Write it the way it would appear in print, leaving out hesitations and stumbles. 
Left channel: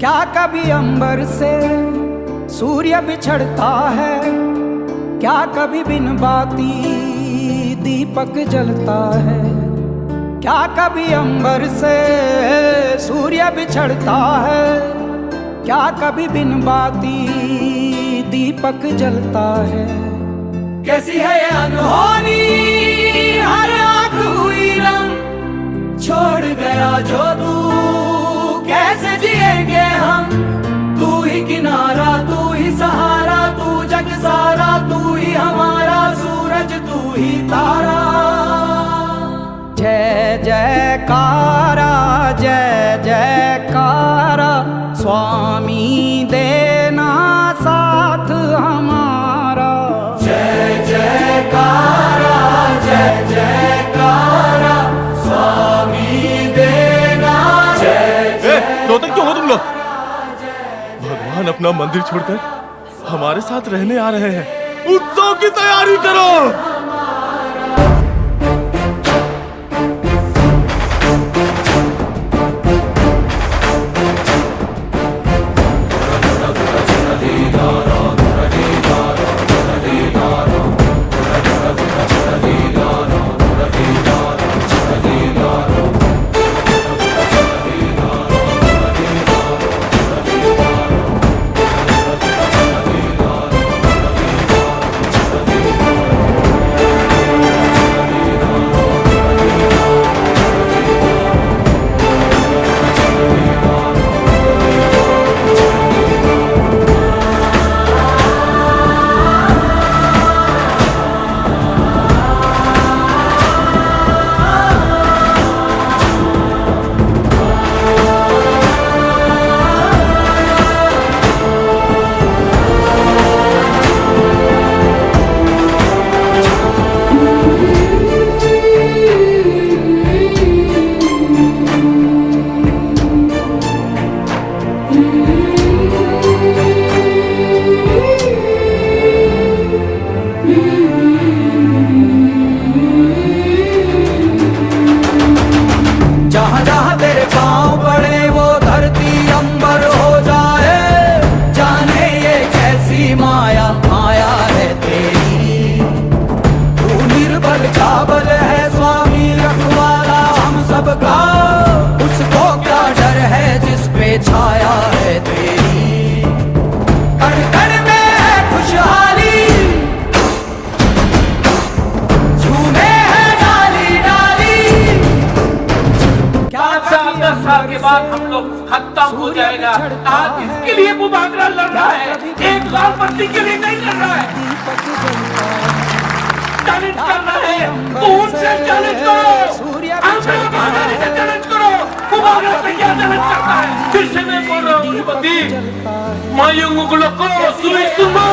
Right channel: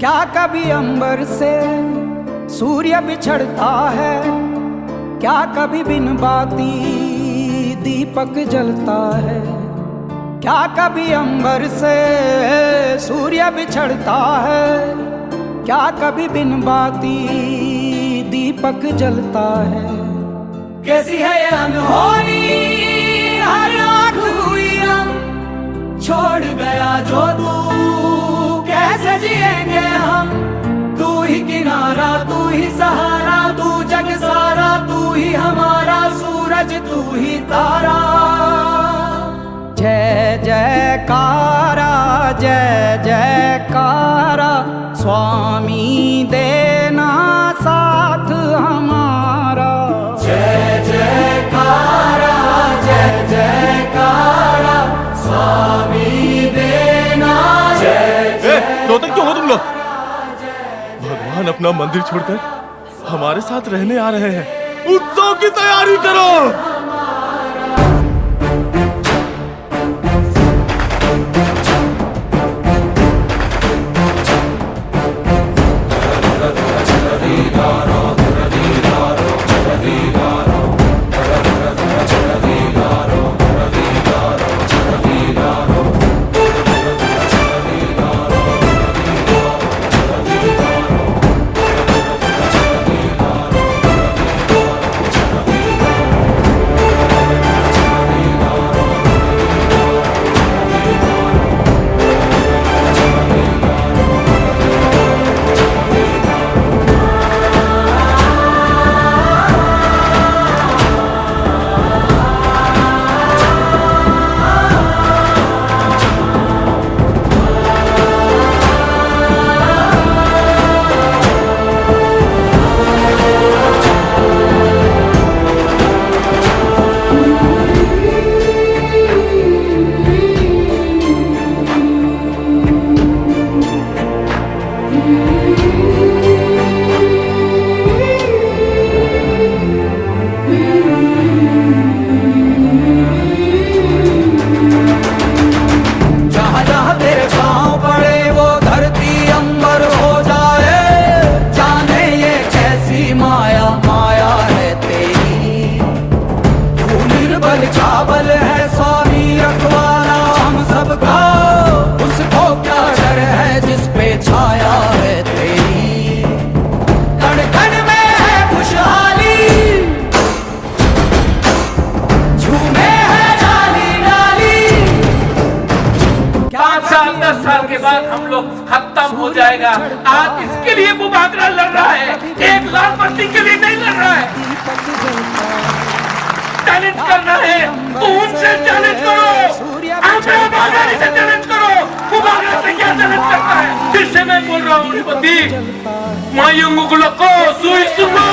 क्या कभी अंबर से सूर्य बिछड़ता है, क्या कभी बिन बाती दीपक जलता है। क्या कभी अंबर से सूर्य बिछड़ता है, क्या कभी बिन बाती दीपक जलता है। कैसी है ये अनहोनी हर आँख हुई रंग, छोड़ गया जो तू कैसे जिएंगे हम। तू ही किनारा, तू ही सहारा, तू जग सारा, तू ही हमारा सूरज, तू ही तारा। जय जयकारा, जय जयकारा, स्वामी देना साथ हमारा। जय जयकारा, जय जयकारा, स्वामी देना जय जय। रोतक क्यों हो तुम लोग? भगवान अपना मंदिर छोड़कर हमारे साथ रहने आ रहे हैं, उत्सव की तैयारी करो। हम लोग खत्म हो जाएगा। आज इसके लिए वो भागना लड़ रहा है, एक लाल पट्टी के लिए नहीं लड़ रहा है। चैलेंज करना है, उनसे चैलेंज करो, चैलेंज करो। वो भागना से क्या चैलेंज करता है? जिससे मैं बोल रहा हूँ मायूंग को सुनो।